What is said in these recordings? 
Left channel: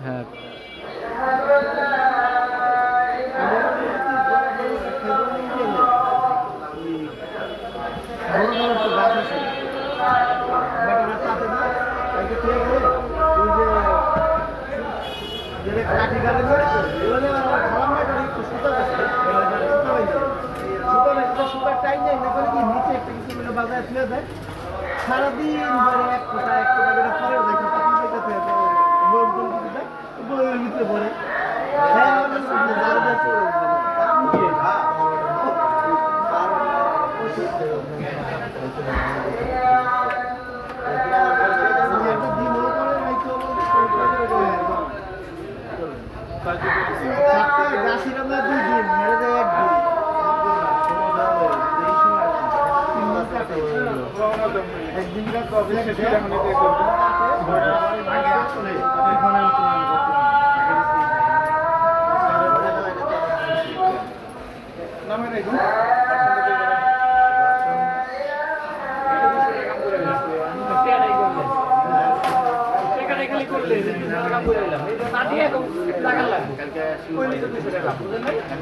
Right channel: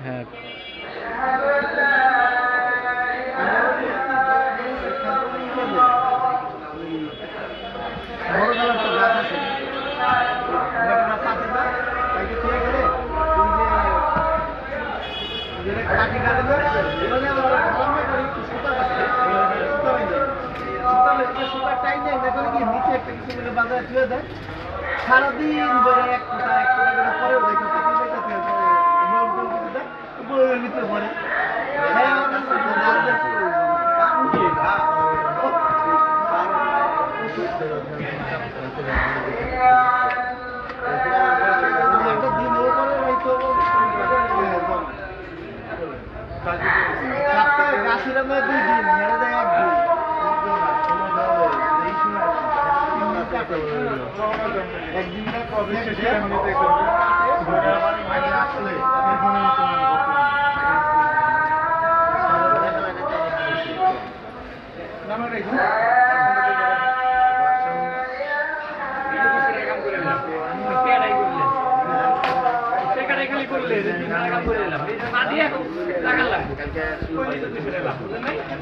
হ্যাঁ সারাদিন ধরে এক কোটা করে পরেও দেখো বইয়ের ভিতরে পড়ে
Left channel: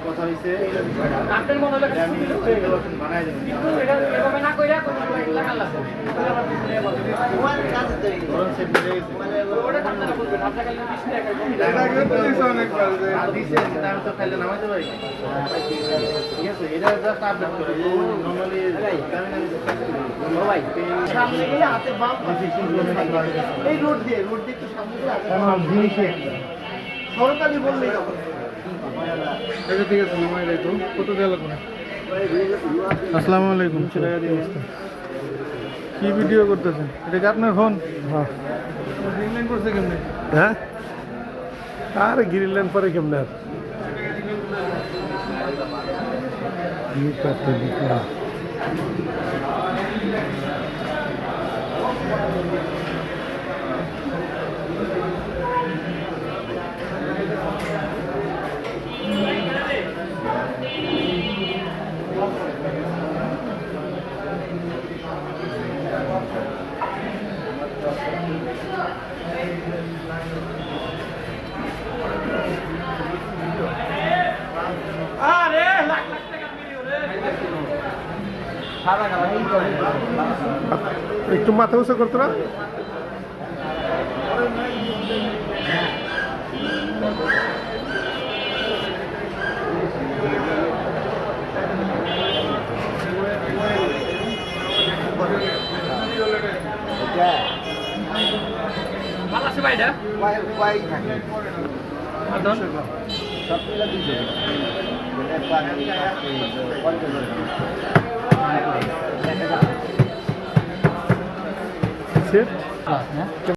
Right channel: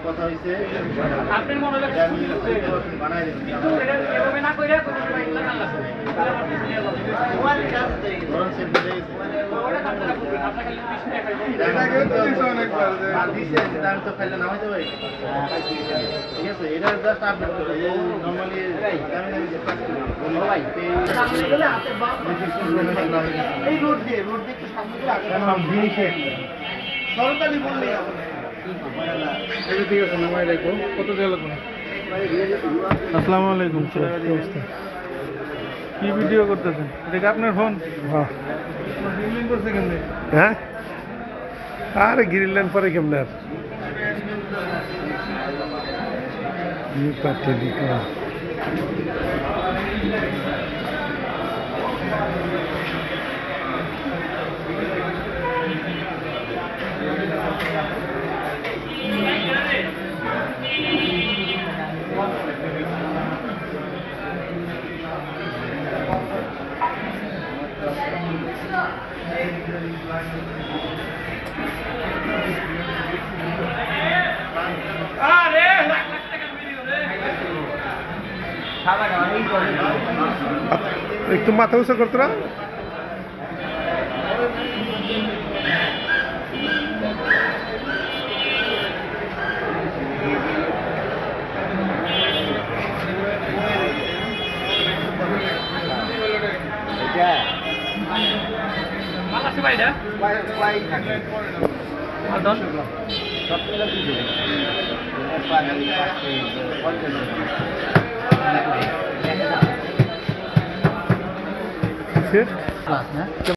কথা হয়েছে বানাই নামাইতে পারি ঠিক আছে এটা জাস্ট আপডেট করে নর্মালি এই রোড দিয়ে একটু সামনে সরকারি বললেই ঠিক আছে নামাই রাখো কত দেওয়া লাগবে আসসালামু আলাইকুম কি ভিডিও করতেছেন এটা কি আপনার ফোন হ্যাঁ করছে কেমনি হ্যাঁ আরে গিরিলেন পরে কেমনে আর একটু মাথা উঁচু করতো না